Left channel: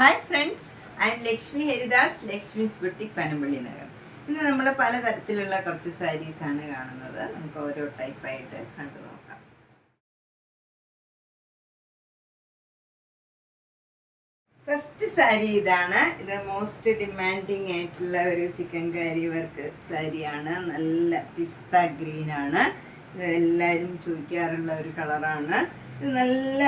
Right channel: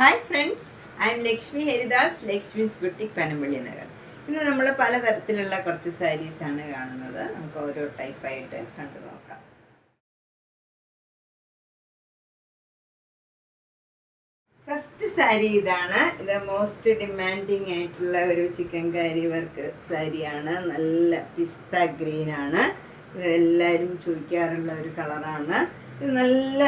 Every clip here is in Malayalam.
Hi friends, I am Lakshmi Heridas, Lakshmi's Boutique, Panambali Nagar. ഇന്ന് നമ്മൾ പലതരത്തിലുള്ള കുറച്ച് സാരീസ് ആണ് കാണുന്നത്. നമുക്ക് ഓരോ ടൈപ്പ് ആയിട്ട് കണ്ടു നോക്കാം. ഫസ്റ്റ് സാരി ഇതാണ്. ഇത് മോസ്റ്റ് ഡിമാൻഡിങ് ആയിട്ടുള്ള ഒരു ചിക്കൻകാരി വർക്ക് സാരിയാണ്. നല്ല പിസ്ത ഗ്രീൻ ആണ്. ഇത് എല്ലാവരും ചോദിക്കാറുള്ള ഒരു കളറാണ്. ഇത് നല്ല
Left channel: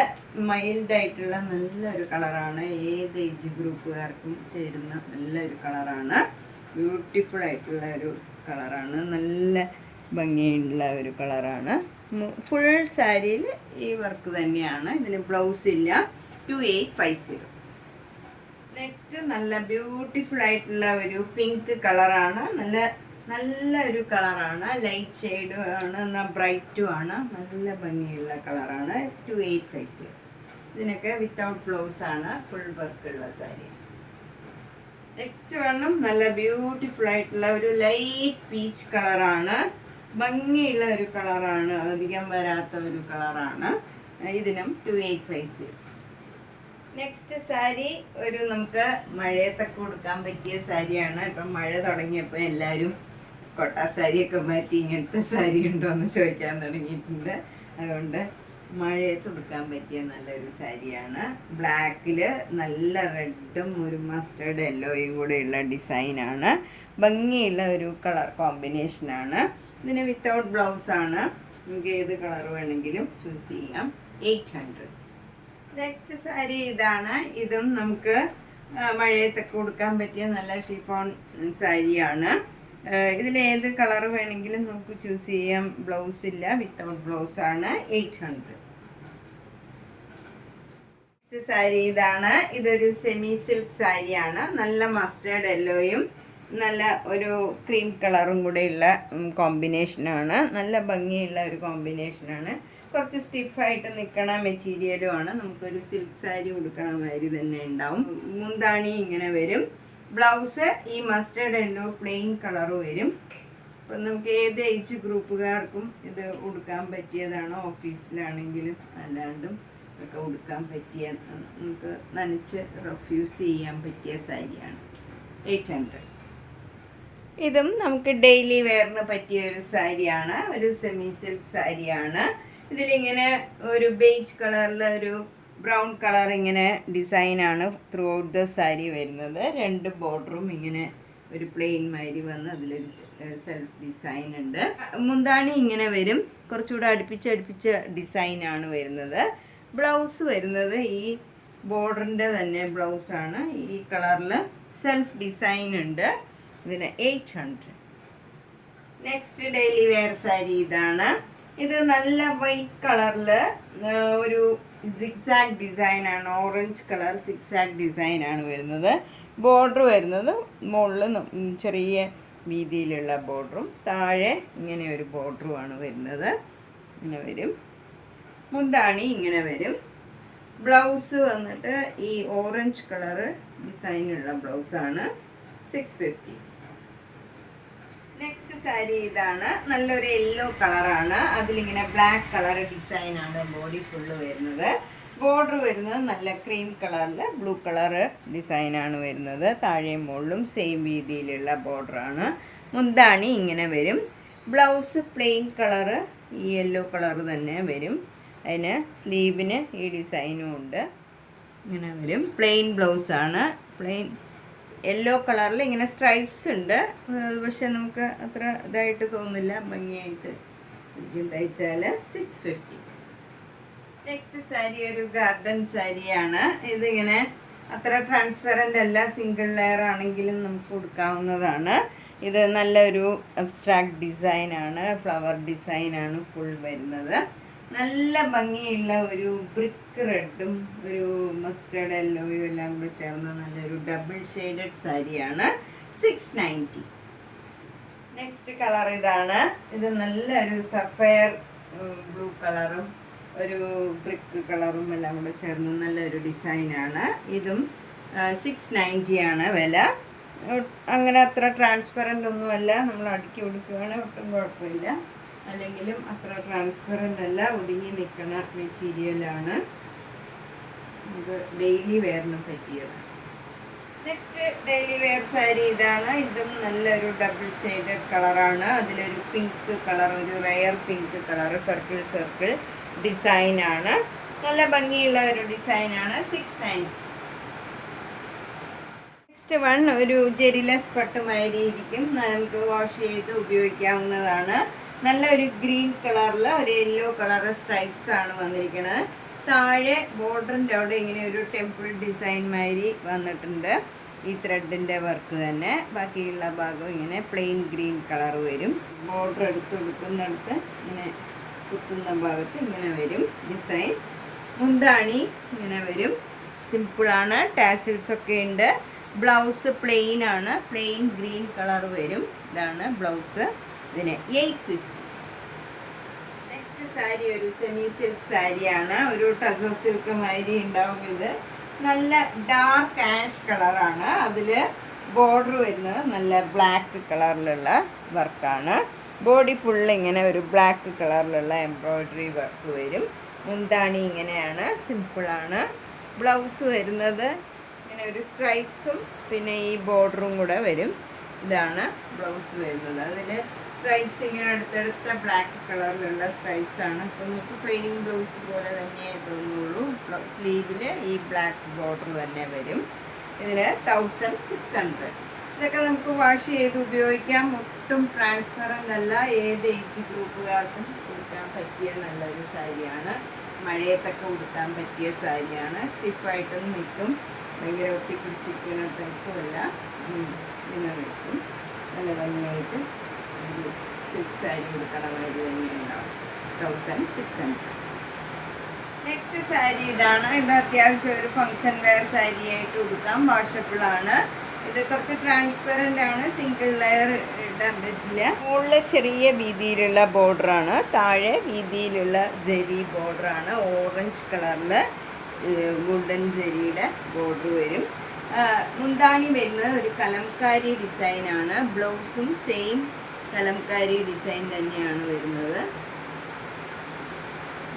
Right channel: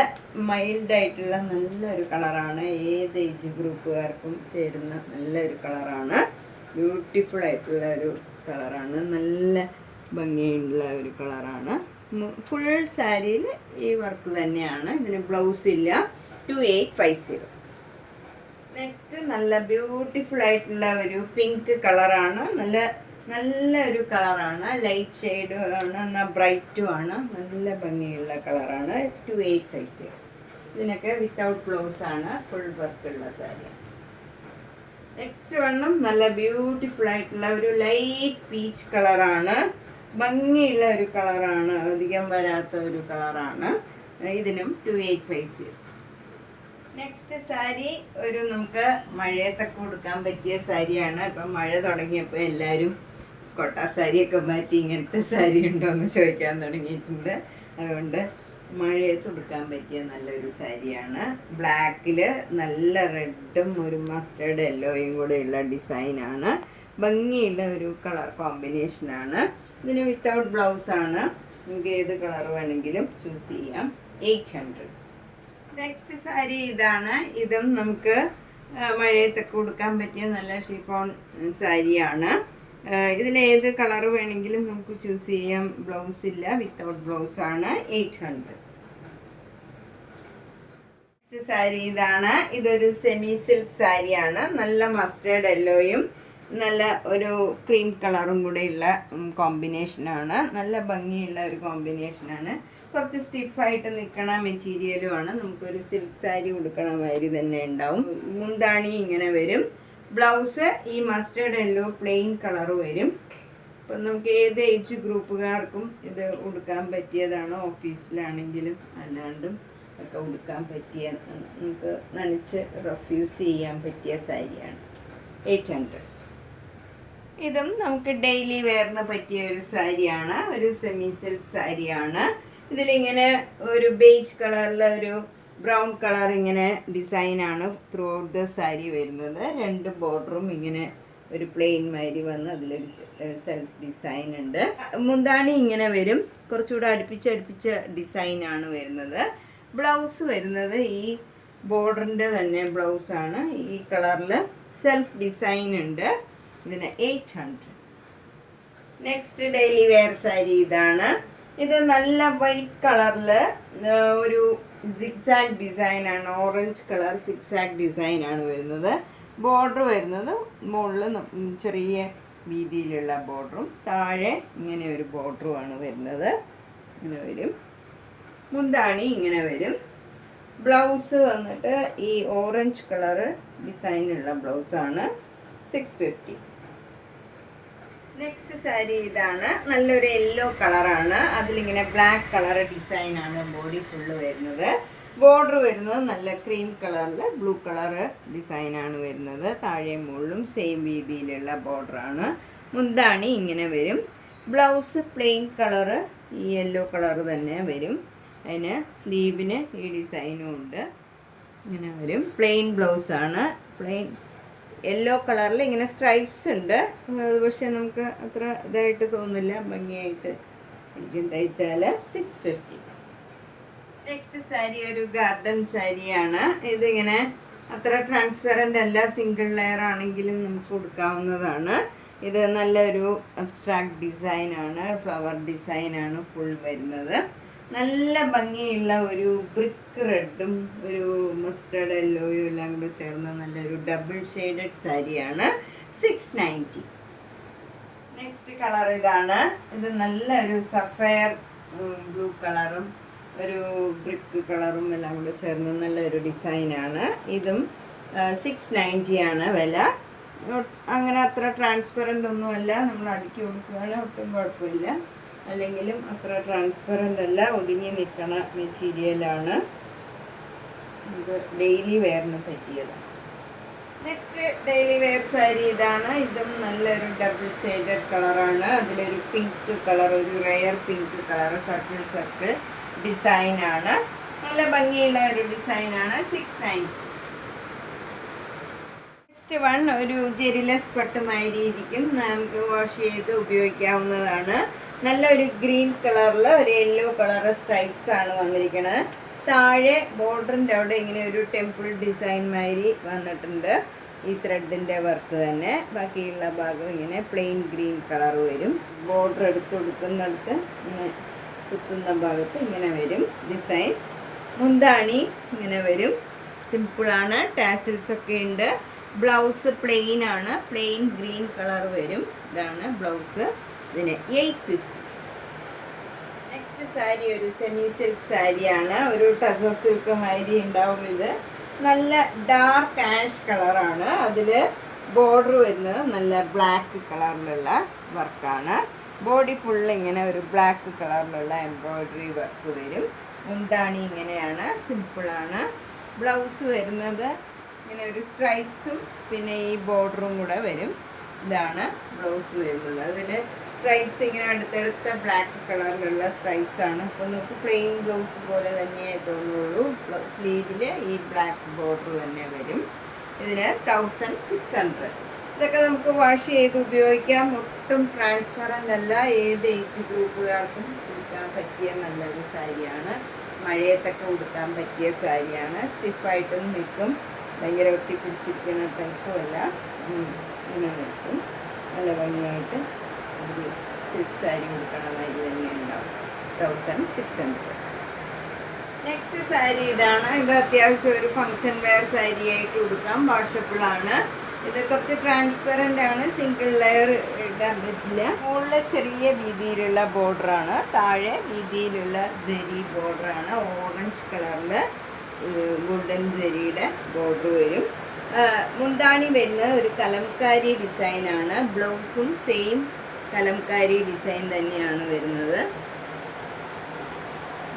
മൈൽഡായിട്ടുള്ള നല്ലൊരു കളറാണ്. ഏത് ഏജ് ഗ്രൂപ്പുകാർക്കും ചേരുന്ന നല്ലൊരു കളറാണ്. ബ്യൂട്ടിഫുൾ ആയിട്ടുള്ള ഒരു കളറാണ്. നല്ല ഭംഗിയുള്ള ഒരു കളറാണ്. ഫുൾ സാരിയിൽ ഈ വർക്ക് തന്നെയാണ്. ഇതിന് ബ്ലൗസ് ഇല്ല. 2850. നെക്സ്റ്റ് നല്ല ബ്യൂട്ടിഫുൾ ആയിട്ടുള്ള ഒരു പിങ്ക് കളറാണ്. നല്ല ഒരു കളറാണ്. ലൈറ്റ് ഷെയ്ഡ് ആണ്, എന്നാൽ ബ്രൈറ്റും ആണ്. നല്ല ഭംഗിയുള്ള കളറാണ്. 2850. ഇതിനൊക്കെ വിത്തൗട്ട് ബ്ലൗസ് ആണ്. ഫുൾ വർക്കുള്ള സാരിയാണ്. നെക്സ്റ്റ് വേണം നല്ല ബ്യൂട്ടിഫുൾ ആയിട്ടുള്ള ഒരു ലൈറ്റ് പീച്ച് കളറാണ്. ഭംഗിയുള്ള ഒരു കളറാണ്. അധികം വരാത്ത ഒരു കളറാണ്. ഇതിനും 2850. നെക്സ്റ്റ് സാരി ഒരു നമുക്ക് മഴയത്തൊക്കെ കൊടുക്കാൻ പറ്റിയ സാരിയാണ്. ഇപ്പം മഴ തുടങ്ങിയപ്പോൾ എല്ലാവരും കൊട്ടാ സാരിയൊക്കെ മാറ്റി ഇങ്ങനത്തെ സാരി ഉണ്ടോ എന്ന് ചോദിക്കാൻ തുടങ്ങിയിട്ടുണ്ട്. അതുകൊണ്ട് മഴയത്ത് കൊടുക്കാൻ പറ്റിയ നല്ലൊരു സാരിയാണ്. ബ്ലാക്കിൽ നല്ല റെഡും ഒരു മസ്റ്റേർഡ് യെല്ലോയും കൂടെയുള്ള ഡിസൈനാണ്. ഭംഗിയുള്ള ഒരു കളർ കോമ്പിനേഷനാണ്. ഇതിന് വിത്തൗട്ട് ബ്ലൗസാണ്. നമുക്ക് ഏത് കളർ വേണമെങ്കിലും ചൂസ് ചെയ്യാം. 800. നെക്സ്റ്റ് സാരി ഇതാണ്. ഇതും നമുക്ക് മഴയത്തൊക്കെ കൊടുക്കാൻ പറ്റിയ നല്ല ഷിഫോൺ സാരിയാണ്. ഇതിലേത് കളർ വേണമെങ്കിലും നമുക്ക് ചൂസ് ചെയ്യാം. ബ്ലൗസ് ഇല്ല, വിത്തൗട്ട് ബ്ലൗസാണ്. 800. നെക്സ്റ്റ് സാരി ഇതാണ്. ഇതൊരു സെമി സിൽക്ക് സാരിയാണ്. നല്ല മസ്റ്റേർഡ് യെല്ലോയും നല്ല ഒരു ക്രീം കളറും കൂടെയുള്ള കോമ്പിനേഷനാണ്. നല്ല ഭംഗിയുള്ള ഒരു കോമ്പിനേഷനാണ്. കുറച്ച് സ്റ്റിഫായിട്ട് നിൽക്കണ മെറ്റീരിയലുമാണ്. നമുക്കൊരു സിൽക്ക് സാരി കൊടുക്കണ മാതിരി തന്നെ ഉണ്ടാവും. മുന്താണി ഇങ്ങനെ വരും. ബ്ലൗസ് ഈ മസ്റ്റേർഡ് യെല്ലോ പ്ലെയിൻ കളർ വരും. അപ്പം നമുക്ക് ഏത് ഏജ് ഗ്രൂപ്പുകാർക്കും ഇത് ഉടുക്കാൻ പറ്റിയതാണ്. ഓഫീസിലാണെങ്കിലും അല്ലാണ്ടും ഒക്കെ ഉടുക്കാൻ പറ്റിയ, നമുക്ക് നനച്ച് റഫ്യൂസ് ചെയ്യാൻ പറ്റിയ സാരിയാണ്. 800. ഇതും നമുക്ക് ഡെയിലി വെയറിന് പറ്റിയ ഒരു സാരിയാണ്. ഒരു സെമി സിൽക്ക് സാരിയാണ്. ഇതിലിങ്ങനെ ഒരു ബേജ് കളറിലെ ഒരു ബ്രൗൺ കളർ ഇങ്ങനെ ഡിസൈനാണ് ത്രൂ ഔട്ട് ദ സാരി വരുന്നത്. രണ്ട് ബോർഡറും ഇങ്ങനെ ഒരു പ്ലെയിൻ മാതിരി വന്ന് അതിലൊരു സെൽഫ് ഡിസൈൻ ഉണ്ട്. മുന്താണി ഇങ്ങനെ വരും. കുറച്ചുകൂടെ അടുപ്പിച്ച ഡിസൈനാണ് വരുന്നത്. ബ്ലൗസ് വരുന്നത് ഈ ബോർഡറിൻ്റെ തന്നെ ബ്ലൗസാണ്. ഈ കളറിൽ സെൽഫ് ഡിസൈൻ ഉണ്ട്. ഇതിന് 800. നെക്സ്റ്റ് ഡെയിലി വെയർ സാരി ഇതാണ്. ഇത് നല്ല വൈറ്റ് കളറിൽ ഒരു സിക്സാഗ് ഡിസൈനാണ്. ഓറഞ്ച് കളർ സിക്സാഗ് ഡിസൈനാണ് വരുന്നത്. ബോർഡർ വരുന്നത് മുകളിൽ ചെറിയ വീതിയിലുള്ള ബോർഡറും താഴെ ഇങ്ങനെ ഒരു ബോർഡറുമാണ് വരുന്നത്. ഇങ്ങനെ വരും. മുന്താണി ഇങ്ങനെ വരും. ബ്ലൗസ് വന്നിട്ട് ഈ ഓറഞ്ച് കളറ് ഡിസൈനുള്ള ബ്ലൗസാണ്. 650. നെക്സ്റ്റ് സാരി ഇതാണ്. നല്ലൊരു യെല്ലോ കളറാണ്. അതിലിങ്ങനെ ബ്ലാക്ക് കളർ ഡിസൈനാണ് ബോഡി ഫുള്ള് വരുന്നത്. ബോർഡർ വരുന്നത് നല്ല ക്രീം കളറിൽ ബ്ലൂ കളർ ഡിസൈനാണ് വരുന്നത്. താഴെയും മുകളിലും സെയിം രീതിയിലുള്ള ബോർഡറാണ്. മുന്താണി ഇങ്ങനെ വരും. ബ്ലൗസ് പ്ലെയിൻ കളറ് ഈ യെല്ലോ കളറ് തന്നെ വരും. അതിന് സ്ലീവിന് ഈ ഡിസൈനും ഉണ്ട്. ഇങ്ങനെ വരും. പ്ലെയിൻ ബ്ലൗസാണ്. പ്ലെയിൻ യെല്ലോ കളറിൽ ഇങ്ങനെ സ്ട്രൈപ്സ് ഉണ്ട്. പക്ഷെ നമുക്ക് അത്ര ഇതായിട്ട് തോന്നില്ല. ഭംഗിയായിട്ട് എനിക്ക് തയ്ച്ചാൽ 650. നെക്സ്റ്റ് സാരി ഒരു ഗാർഡൻ സാരിയാണ്. ഇതിങ്ങനെ അത്ര ട്രാൻസ്പെറൻ്റ് അല്ല. സിംഗിൾ ലെയർ ആണെങ്കിലും നമുക്ക് കൊടുക്കാവുന്നതാണ്. ഇത് നല്ലൊരു അബ്സ്ട്രാക്ട് ഡിസൈനാണ്. ഫ്ലവർ ഡിസൈനാണ് ഫുൾ വരുന്നത്. നല്ല ഭംഗിയുള്ള ഒരു ബ്രിക്ക് റെഡും ഒരു മസ്റ്റേർഡ് യെല്ലോയും എല്ലാം കൂടി ചേർന്ന നല്ലൊരു ഡബിൾ ഷെയ്ഡഡ് സാരിയാണ്. 690. നെക്സ്റ്റ് കളർ ഇതാണ്. ഇത് നല്ലൊരു സഫയർ ബ്ലൂ കളറും ഒരു ബ്രിക്ക് കളറും എല്ലാം കൂടി ചേർന്ന് നല്ലൊരു ഡിസൈനാണ്. ഇതും 690 ആണ് വില. അങ്ങനെ അത്ര ട്രാൻസ്പെറൻ്റ് ഒന്നുമല്ല. നമ്മൾ അടുക്കി കൊടുക്കുകയാണ് ഒട്ടും കുഴപ്പമില്ല. അല്ലെങ്കിലും അത്ര ട്രാൻസ്പെറൻ്റ് അല്ല. ഒതുങ്ങി നിൽക്കണ മെറ്റീരിയലാണ്. നമുക്ക് ഡെയിലി വെയറിന് പറ്റിയത്. നെക്സ്റ്റ് ഡെയിലി വെയർ സാരി ഇതാണ്. ഇതും നല്ലൊരു ഡബിൾ ഷെയ്ഡഡ് കളറാണ്. അതിലൊരു പിങ്ക് കളർ, ഒരു rare pink colour, circle circle ഡിസൈനാണ്. നല്ല ഭംഗിയുള്ള ഒരു ഡിസൈനാണ്. 690. നെക്സ്റ്റ് വൺ ഒരു ജെറിലെസ് പട്ടുമാതിരി ഇരിക്കും. നമുക്ക് വാഷ് ചെയ്ത് ഉപയോഗിക്കാവുന്നതാണ്. നല്ലൊരു ഗ്രീൻ കളറിൽ ഒരു യെല്ലോ കളർ സ്ട്രൈപ്സ് ആണ് വന്നിരിക്കുന്നത്. താഴെ ബോർഡറിൻ്റെ അവിടെ ഇങ്ങനെ ഒരു ടെമ്പിൾ ഡിസൈൻ മാതിരി വന്നിട്ടുണ്ട്. ഈ ത്രെഡിൻ്റെ വർക്ക് തന്നെ. ബാക്കിയുള്ള ഭാഗം ഇങ്ങനെ പ്ലെയിൻ ഗ്രീൻ കളർ വരും. ബോർഡർ എടുത്ത് കൊടുക്കുന്നിടത്ത് ഇങ്ങനെ കുത്തുന്ന ഭാഗത്ത് ഇങ്ങനെ വരും ഡിസൈൻ. മുന്താണി ഇങ്ങനെ വരും. സിമ്പിളാണ്. ടാസിൽസ് ഒക്കെ ഉണ്ട്. ബ്ലൗസ് പ്ലെയിൻ ആണ്. പ്ലെയിൻ ഗ്രീൻ കളർ വരും. ഇതാണ് ബ്ലൗസ്. ഇതിന് 850. നെക്സ്റ്റ് സാരി ഒരു സെമി സിൽക്ക് സാരിയാണ്. ഒരു ടസർ സിൽക്ക് മാതിരി ഉണ്ടാവും. ഇത് നല്ല ഡാർക്ക് ആഷ് കളറാണ്. അതിൽ ബോർഡർ വരുന്നത് നല്ല ബ്ലാക്ക് കളറിലുള്ള വർക്കാണ്. ബോഡി ഫുള്ള് ഇങ്ങനെ ഒരു ബ്ലാക്ക് കളറിലുള്ള എംബ്രോയ്ഡറി വർക്ക് വരും. മുന്താണി ഇങ്ങനെയാണ്. സിമ്പിളാണ്. ബ്ലൗസ് വരുന്നത് ഇങ്ങനെ ഒരു സ്ട്രൈപ്സും പിന്നെ ഈ ബോർഡറും കൂടെ വരും. ഇതാണ് ബ്ലൗസ് വരുന്നത്. അതിൽ സ്ട്രൈപ്സ് ഇങ്ങനെ അടുത്തടുത്ത ബ്ലാക്ക് കളറിലുള്ള സ്ട്രൈപ്സ് ആണ്. അപ്പോൾ നമുക്ക് പ്ലെയിൻ ബ്ലൗസ് പോലെ തന്നെ തോന്നുള്ളൂ. സ്ലീവിൽ ഈ ബ്ലാക്ക് ബോർഡർ തന്നെ വരും. ഇതിന് 1600. ഇതൊക്കെ നമുക്ക് വാഷ് ചെയ്ത് ഉപയോഗിക്കാം. ഒട്ടും ട്രാൻസ്പെറൻ്റ് അല്ല. ഏത് ഏജ് ഗ്രൂപ്പുകാർക്കും ഉടുക്കാൻ പറ്റിയ നല്ലൊരു സാരിയാണ്. മഴയത്തൊക്കെ ഉടുക്കാൻ പറ്റിയ സാരിയാണ്. സ്റ്റിഫായിട്ടും നിൽക്കും. ഭയങ്കര ഒട്ടിപ്പിടിച്ചിരിക്കുന്ന ടൈപ്പും അല്ല. ഇങ്ങനെ നിൽക്കും. നല്ല ഭംഗിയായിട്ട് ഒരു സിൽക്ക് സാരി കൊടുക്കണമാതിരി തന്നെ ഉണ്ടാവും. 1600. നെക്സ്റ്റ് സാരി ഇതാണ്. ഇത് അത്യാവശ്യം ഒരു ഫങ്ഷൻ വെയർ സാരി ആയിട്ട് ഉടുക്കാം. വാഷബിളാണ്. ഇത് കുറച്ച് ട്രാൻസ്പെറൻ്റ് ആണ്. സിംഗിൾ ലെയർ ഇടാൻ പറ്റില്ല. മുകളിൽ ചെറിയ വീതിയിലുള്ള ബോർഡറാണ്. താഴെ വീതിയിലുള്ള ജെറി ബോർഡറാണ്. ഓറഞ്ച് കളറിൽ ഗോൾഡൻ ജെറിയുടെ ബോർഡർ വരും. മുന്താണി വരുന്നത് ഒരു കലംകാരി ഡിസൈനാണ്. ബ്ലൗസും സെയിം കലംകാരി ഡിസൈൻ തന്നെയാണ് വരുന്നത്.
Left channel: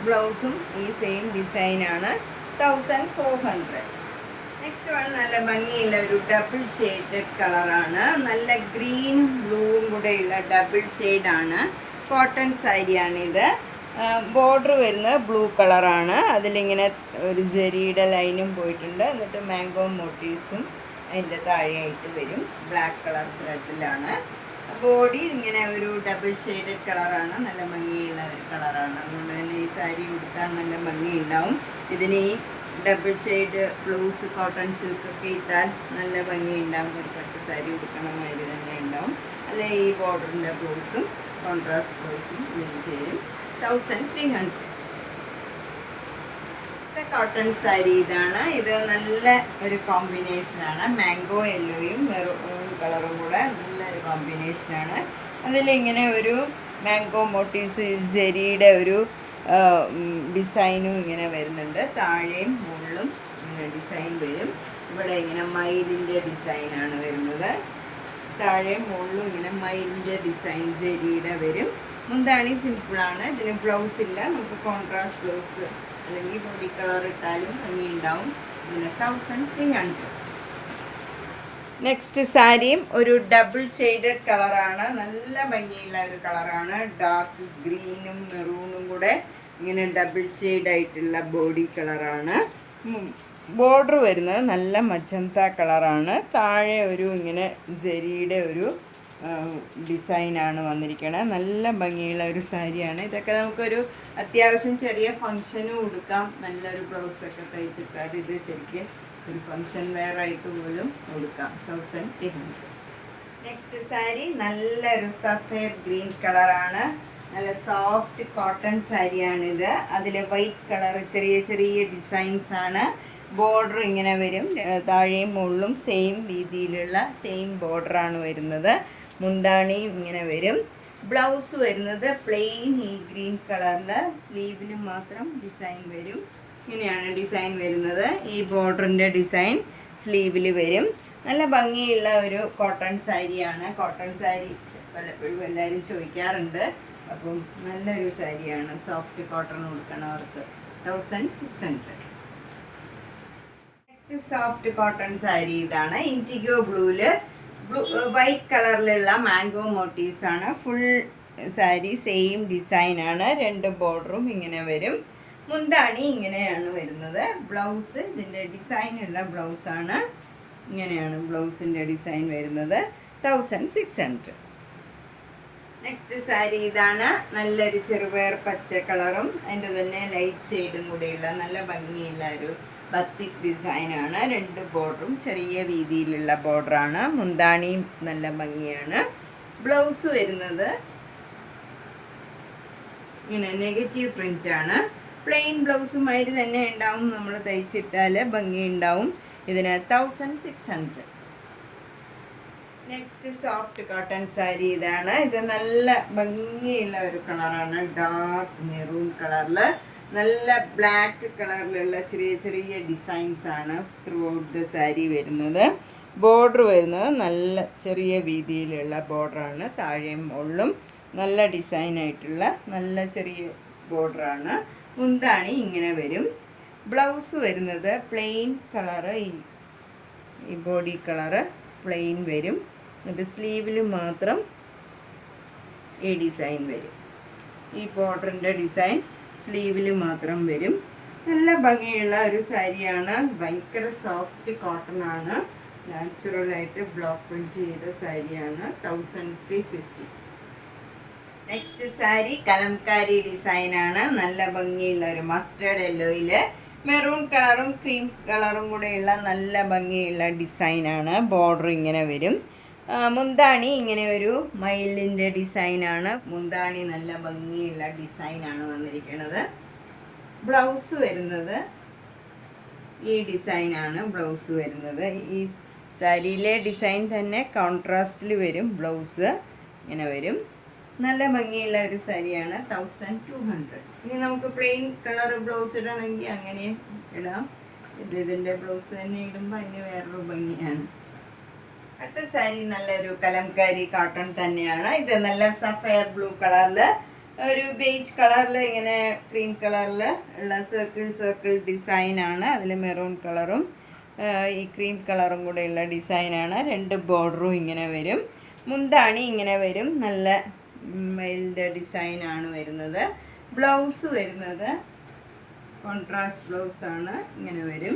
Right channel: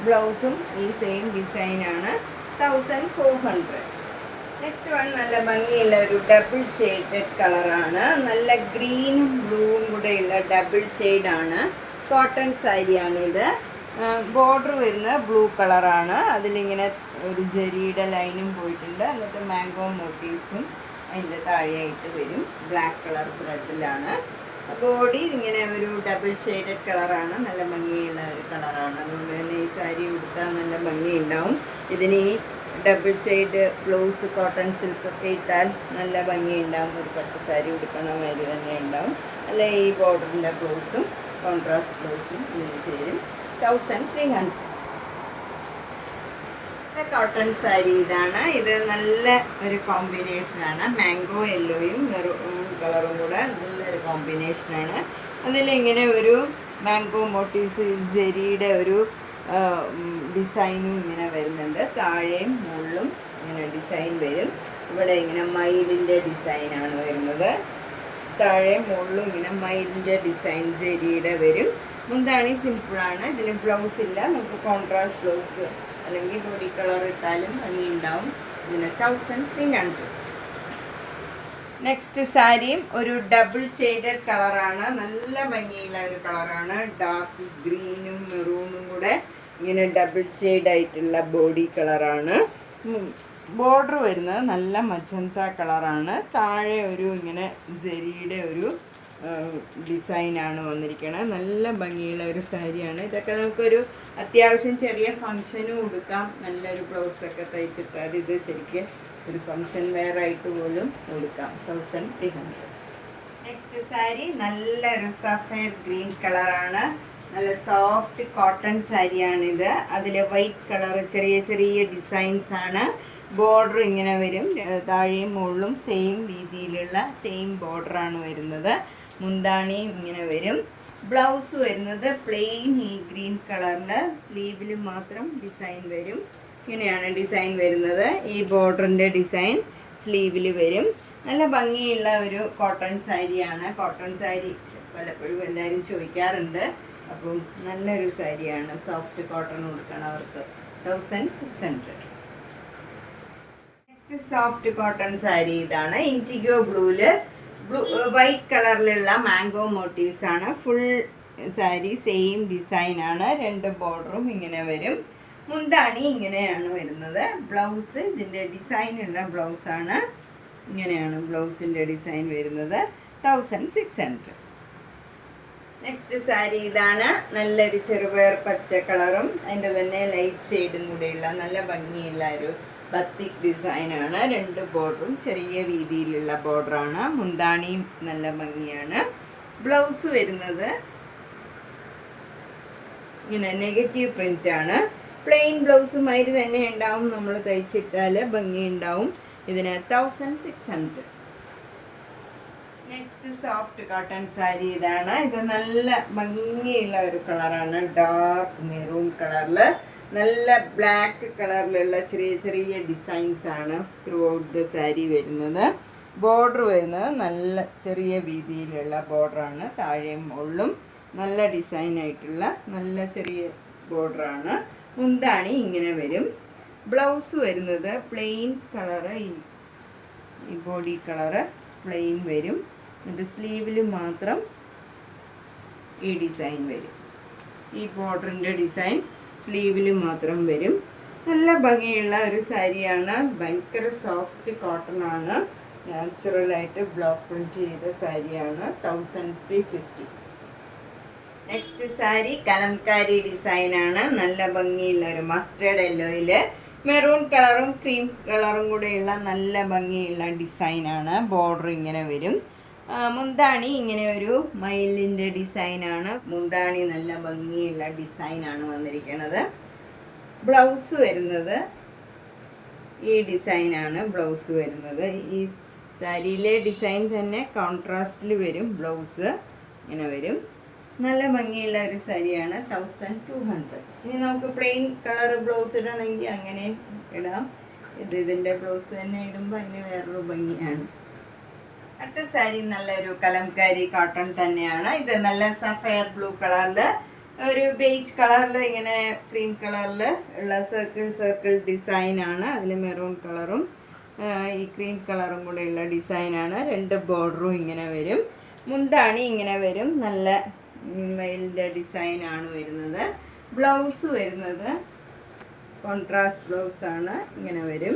ബ്ലൗസും ഈ സെയിം ഡിസൈനാണ്. 1400. നെക്സ്റ്റ് വൺ നല്ല ഭംഗിയുള്ള ഒരു ഡബിൾ ഷെയ്ഡഡ് കളറാണ്. നല്ല ഗ്രീനും ബ്ലൂവും കൂടെയുള്ള ഡബിൾ ഷെയ്ഡാണ്. കോട്ടൺ സാരിയാണിത്. ബോർഡർ വരുന്നത് ബ്ലൂ കളറാണ്. അതിലിങ്ങനെ ഒരു ജെറിയുടെ ലൈനും പോയിട്ടുണ്ട്. എന്നിട്ട് മാംഗോ മോട്ടീവ്സും അതിൻ്റെ താഴെയായിട്ട് വരും. Black colour ത്രെഡിലാണ്. ബോഡി ഇങ്ങനെ ഒരു ഡബിൾ ഷെയ്ഡഡ് കളറാണ്. നല്ല ഭംഗിയുള്ള ഒരു കളറാണ്. അതുകൊണ്ട് തന്നെ ഈ സാരി ഉടുത്താൽ നല്ല ഭംഗിയുണ്ടാവും. ഇതിന് ഈ ഡബിൾ ഷെയ്ഡ് ബ്ലൗസ് കോട്ടൺ സിൽക്കൊക്കെ ഇട്ടാൽ നല്ല ഭംഗിയുണ്ടാവും. ഒരു പട്ട് സാരി ഉടുക്കണ മാതിരി തന്നെ ഉണ്ടാവും. അല്ല ഈ ബോർഡറിൻ്റെ ബ്ലൗസും കോൺട്രാസ്റ്റ് ബ്ലൗസും ഇങ്ങനെ ചെയ്യും. 1300. കോട്ടൺ സാരി ഇതാണ്. ഇത് നല്ല ഒരു കോമ്പിനേഷനാണ്. മാംഗോ യെല്ലോയും മെറൂൺ കളറും കൂടെ നല്ലൊരു കോമ്പിനേഷനാണ്. അതിലിങ്ങനെ ഒരു മാംഗോ മോട്ടീവ്സ് ജെറിയുടെ ഒരു ഡിസൈനും ഇങ്ങനെ വരുന്നുണ്ട്. താഴെയും മുകളിലും ഇങ്ങനെ ഡിസൈൻ വരും. ഇവിടെ ഇങ്ങനെ മയിലിൻ്റെ ഡിസൈനാണ് വരുന്നത്. താഴെ മുകളിലും ഇങ്ങനെ മയിലിൻ്റെ ഡിസൈൻ ജെറിയുടെ വരും. മുന്താണി സിമ്പിളാണ്. ഇതിന് ബ്ലൗസ് ഇല്ല. നമുക്ക് കോൺട്രാസ്റ്റ് ബ്ലൗസ് അല്ലെങ്കിൽ ബോഡി കളർ ഇട്ടാലും ഭംഗിയുണ്ടാവും. ഇതിന് 1300. നെക്സ്റ്റ് സാരിയും ഒരു ഡബിൾ ഷെയ്ഡഡ് കളറാണ്. നല്ല ഭംഗിയുള്ള ഒരു കളറാണ്. ഡാർക്ക് ഗ്രീനും മെറൂണും കൂടെ ഇങ്ങനെ ഡബിൾ ഷെയ്ഡായിട്ടുള്ള ബോഡി കളറാണ്. ബോർഡർ വരുന്നത് നല്ല മജന്ത കളറാണ്. താഴെ ഒരു ഇങ്ങനെ ജെറിയുടെ ഒരു ഡിസൈനാണ് വന്നിരിക്കുന്നത്. നല്ല ഭംഗിയുള്ള ഒരു സാരിയാണ്. ഇതൊക്കെ നമുക്കൊരു അത്യാവശ്യം ചെറിയ ഫങ്ഷനും ഉടുക്കാം. നല്ലൊരു ബ്ലൗസൊക്കെ തയ്ച്ചിട്ട് ഇത് ശരിക്കും ഒരു ഫങ്ഷൻ വെയർ ആയിട്ട് പോലും ഉടുക്കാം. 1300. നെക്സ്റ്റ് സാരി നല്ലൊരു സഫേർ ഗ്രീൻ കളറാണ്. നല്ല സോഫ്റ്റ് കോട്ടൺ സാരിയാണിത്. അതിൽ വൈറ്റ് കളർ ചെറിയ ചെറിയ ഡിസൈൻസ് ആണ്. ബോർഡർ ഇങ്ങനെ വരും. താഴെയും മുകളിലും സെയിം രീതിയിലുള്ള സെയിം ബോർഡറാണ് വരുന്നത്. മുന്താണി ഇങ്ങനെ വരും. ബ്ലൗസ് വരുന്നത് പ്ലെയിൻ ഈ ഗ്രീൻ കളറിൽ. സ്ലീവിൽ മാത്രം ഡിസൈൻ വരും. ഇങ്ങനെയാണ് ഡിസൈൻ വരുന്നത്. ഈ ബോർഡറിൻ്റെ ഡിസൈൻ സ്ലീവിൽ വരും. നല്ല ഭംഗിയുള്ള ഒരു കോട്ടൺ സാരിയാണ്. കോട്ടൺ സാരി പലപ്പോഴും എല്ലാവരും ചോദിക്കാറുണ്ട്. അപ്പം നല്ലൊരു സാരിയാണ്. സോഫ്റ്റ് കോട്ടൺ കൊടുക്കണവർക്ക് 1600. സോഫ്റ്റ് കോട്ടൺ സാരി ഇതാണ്. ഇൻഡിഗോ വൈറ്റ് കളറിലുള്ള മാംഗോ മോട്ടീവ്സ് ആണ്. ഫുൾ സാരി സെയിം ഡിസൈൻ ആണ്. 2 ബോർഡറും ഇങ്ങനെ വരും. മുന്താണി ഇങ്ങനെയാണ് വരുന്നത്. ബ്ലൗസ് ഇതിൻ്റെ ഡിസൈനുള്ള ബ്ലൗസാണ്. ഇങ്ങനെയാണ് ബ്ലൗസിൻ്റെ ഡിസൈൻ വരുന്നത്. 1600. നെക്സ്റ്റ് സാരി ഇതാണ്. നല്ലൊരു ചെറുപയർ പച്ച കളറും അതിൻ്റെ തന്നെ ലൈറ്റ് ഷെയ്ഡും കൂടെയുള്ള നല്ല ഭംഗിയുള്ള ഒരു ബത്തിക് ഡിസൈനാണ്. 2 ബോർഡറും ചെറിയ വീതിയിലുള്ള ബോർഡറാണ്. മുന്താണിയും നല്ല ഭംഗിയാണ്. ബ്ലൗസ് വരുന്നത് ഇങ്ങനെ നെഗറ്റീവ് പ്രിൻ്റാണ്. പ്ലെയിൻ ബ്ലൗസുമാതിരി തന്നെ ഉണ്ടാവും. നമ്മൾ തയ്ച്ചിട്ടാൽ ഭംഗി ഉണ്ടാവും. ഇതിന് 1600. നെക്സ്റ്റ് സോഫ്റ്റ് കോട്ടൺ സാരി ഇതാണ്. ഇത് നല്ല ഭംഗിയുള്ള ഒരു കളറാണ്. ഡാർക്ക് മെറൂൺ കളറിൽ നല്ല ബ്ലാക്ക് കളറിലുള്ള ചെറിയ ചെറിയ ഡിസൈൻസ് ആണ് ത്രൂ ഔട്ട് ദ സാരി വരുന്നത്. ബോർഡർ വരുന്നത് നല്ല ചെറിയ വീതിയിലുള്ള ബോർഡറാണ്. താഴെയും മുകളിലും നല്ല ഡിസൈനായിട്ടുള്ള നല്ല ചെറിയ ബോർഡറാണ്. മുന്താണി ഇങ്ങനെ വരും. ബ്ലൗസ് വരുന്നത് പ്ലെയിൻ കളറ്. ഈ ബോഡി കളറ് പ്ലെയിൻ വരും. എന്നിട്ട് സ്ലീവിൽ മാത്രം ഈ ഡിസൈൻ വരും. ഈ ബോർഡറിൻ്റെ ഡിസൈൻ സ്ലീവിൽ മാത്രം വരും. നല്ല ഭംഗിയുള്ള ഒരു സാരിയാണ്. ഭയങ്കര സോഫ്റ്റ് കോട്ടൺ ആണ്. നാച്ചുറലായിട്ട് ബ്ലോക്ക് പ്രിൻറ്റ് ചെയ്ത സാരിയാണ്. 1350. നെക്സ്റ്റ് സാരി കലംകാരി ഡിസൈനാണ്. നല്ല ഭംഗിയുള്ള ഒരു മസ്റ്റേർഡ് യെല്ലോയിൽ മെറൂൺ കളറും ക്രീം കളറും കൂടെയുള്ള നല്ല ഭംഗിയുള്ള ഡിസൈനാണ്. ബോർഡർ ഇങ്ങനെ വരും. മുന്താണി ഇങ്ങനെ ഒരു മയിലിൻ്റെ ഡിസൈനാണ്. മുന്താണി നല്ല ഭംഗിയുള്ള ഡിസൈനാണ് വന്നിരിക്കുന്നത്. ബ്ലൗസ് വരുന്നത് ഈ ഡിസൈനാണ് ബ്ലൗസ് വരുന്നത്. ഈ സാരിയിലെ ഡിസൈൻ തന്നെ കോൺട്രാസ്റ്റിൽ വരും. ബ്ലൗസ് ഇങ്ങനെ വരും. നല്ല ഭംഗിയുള്ള ഒരു സാരിയാണ്. 1200. ഇനി നമുക്ക് പ്ലെയിൻ കളർ ബ്ലൗസ് ഇടണമെങ്കിൽ അങ്ങനെ ഇടാം. ഇതിൻ്റെ ബ്ലൗസ് തന്നെ ഇടുമ്പോൾ അതിന് വേറൊരു ഭംഗിയാണ്. അടുത്ത സാരി നല്ലൊരു കലംകാരി കോട്ടൺ തന്നെയാണ്. ഇത് നല്ല സഫയർ ബ്ലൂ കളറിൽ ഒരു ബേജ് കളറിൽ ഇങ്ങനെ ക്രീം കളറിൽ ഉള്ള സർക്കിൾ ഡിസൈനാണ്. അതിൽ മെറൂൺ കളറും ഈ ക്രീം കളറും കൂടെയുള്ള ഡിസൈനാണ്. 2 ബോർഡറും ഇങ്ങനെ വരും. മുന്താണി ഇങ്ങനെ വരും. നല്ല മെയിലിൻ്റെ ഡിസൈനാണ് വരുന്നത്. ബ്ലൗസ് വരുന്നത് കോൺട്രാസ്റ്റ് ബ്ലൗസാണ്. ഇങ്ങനെ വരും.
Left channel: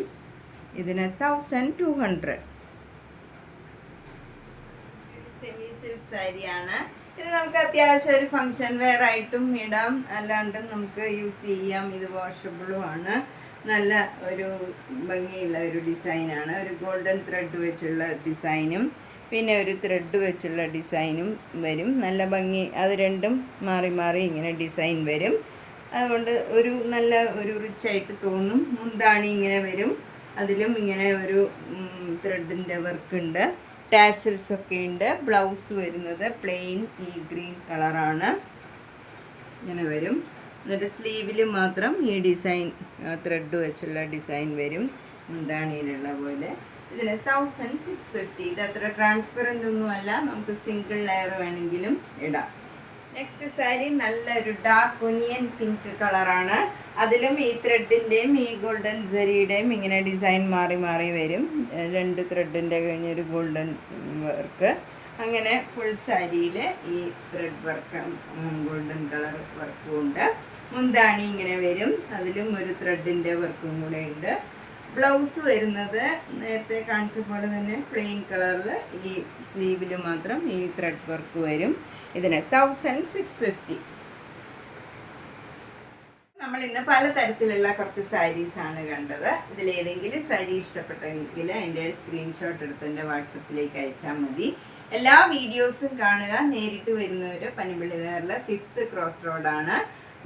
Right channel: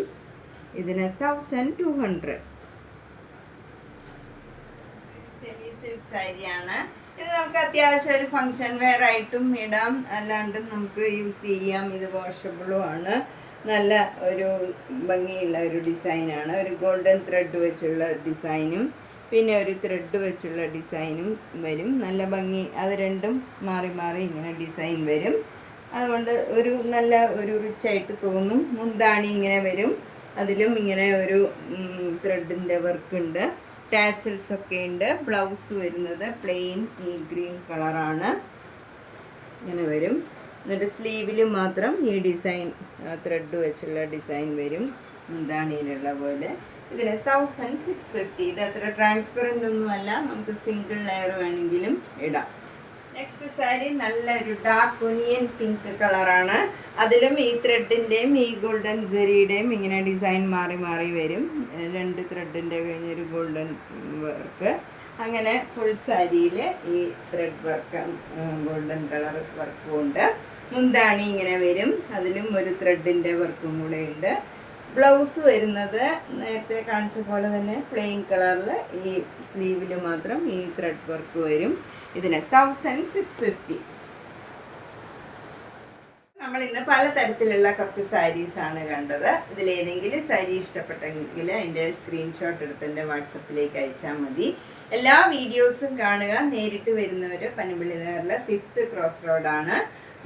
ഇതിന് 1200. സെമി സിൽക്ക് സാരിയാണ്. ഇത് നമുക്ക് അത്യാവശ്യം ഒരു ഫങ്ഷൻ വെയർ ആയിട്ടും ഇടാം, അല്ലാണ്ട് നമുക്ക് യൂസ് ചെയ്യാം. ഇത് വാഷബിളും ആണ്. നല്ല ഒരു ഭംഗിയുള്ള ഒരു ഡിസൈനാണ്. ഒരു ഗോൾഡൻ ത്രെഡ് വെച്ചുള്ള ഡിസൈനും പിന്നെ ഒരു ത്രെഡ് വെച്ചുള്ള ഡിസൈനും വരും. നല്ല ഭംഗി. അത് രണ്ടും മാറി മാറി ഇങ്ങനെ ഡിസൈൻ വരും. അതുകൊണ്ട് ഒരു നല്ല ഒരു റിച്ചായിട്ട് തോന്നും. മുന്താണി ഇങ്ങനെ വരും. അതിലും ഇങ്ങനെ ഒരു ത്രെഡിൻ്റെ വർക്കുണ്ട്. ടാസിൽസ് ഒക്കെ ഉണ്ട്. ബ്ലൗസ് വരുന്നത് പ്ലെയിൻ ഈ ഗ്രീൻ കളറാണ്. ഇങ്ങനെ വരും. എന്നിട്ട് സ്ലീവിൽ മാത്രം ഈ ഡിസൈൻ ത്രെഡ് വെച്ചുള്ള ഡിസൈൻ വരും. മുന്താണിയിലുള്ള പോലെ. ഇതിന് 1650. ഇത് അത്ര ട്രാൻസ്പെറൻ്റ് ഒന്നുമല്ല. നമുക്ക് സിംഗിൾ ലെയർ വേണമെങ്കിലും ഇടാം. നെക്സ്റ്റ് സാരി നല്ലൊരു ഡാർക്ക് ഒനിയൻ പിങ്ക് കളറാണ്. അതിലും ഈ ത്രെഡിൻ്റെയും ഈ ഗോൾഡൻ ജെറിയുടെയും ഇങ്ങനെ ഡിസൈൻ മാറി മാറി വരും. 2 ത്രെഡിൻ്റെ കഴിഞ്ഞൊരു ഗോൾഡൻ വർക്ക്. അങ്ങനെ ഫുൾ സാരിയിൽ ഈ ത്രെഡ് വർക്ക് ഗോൾഡൻ കളർ വർക്കും ഉണ്ട്. മുന്താണി ഇങ്ങനെ വരും. അതിലും ഒരു ത്രെഡിൻ്റെ വർക്കും കൂടെ ഉണ്ട്. ബ്ലൗസ് വരുന്നത് നേരത്തെ കാണിച്ച പോലെ തന്നെ പ്ലെയിൻ കളറിൽ ഈ സ്ലീവിൽ മാത്രം ഈ ത്രെഡ് വർക്ക് വരും. ഇതിന് 1650. നമ്മൾ ഇന്ന് പലതരത്തിലുള്ള കുറച്ച് സാരീസാണ് കണ്ടത്. ഇതിലേതെങ്കിലും സാരി ഇഷ്ടപ്പെട്ടെങ്കിൽ അതിൻ്റെ സ്ക്രീൻഷോട്ട് എടുത്ത് എൻ്റെ വാട്സപ്പിലേക്ക് അയച്ചാൽ മതി. എല്ലാ വീഡിയോസും കാണുക. നേരിട്ട് വരുന്നവർ പനമ്പള്ളിനഗറിൽ 5th ക്രോസ് റോഡാണ്.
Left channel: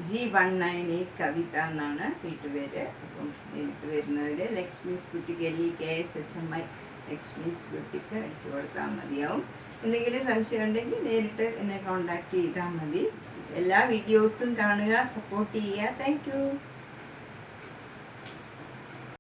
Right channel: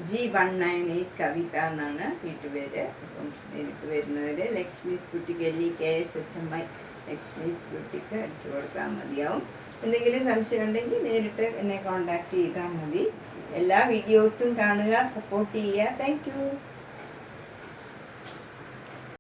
G198 കവിത എന്നാണ് വീട്ടുപേര്. അപ്പം നേരിട്ട് വരുന്നവർ ലക്ഷ്മീസ് ബുട്ടിക്ക് LEKSHMI ലക്ഷ്മീസ് ബുട്ടിക്ക് അടിച്ചു കൊടുത്താൽ മതിയാവും. എന്തെങ്കിലും സംശയം ഉണ്ടെങ്കിൽ നേരിട്ട് എന്നെ കോൺടാക്റ്റ് ചെയ്താൽ മതി. എല്ലാ വീഡിയോസും കാണുക, സപ്പോർട്ട് ചെയ്യുക. Thank you.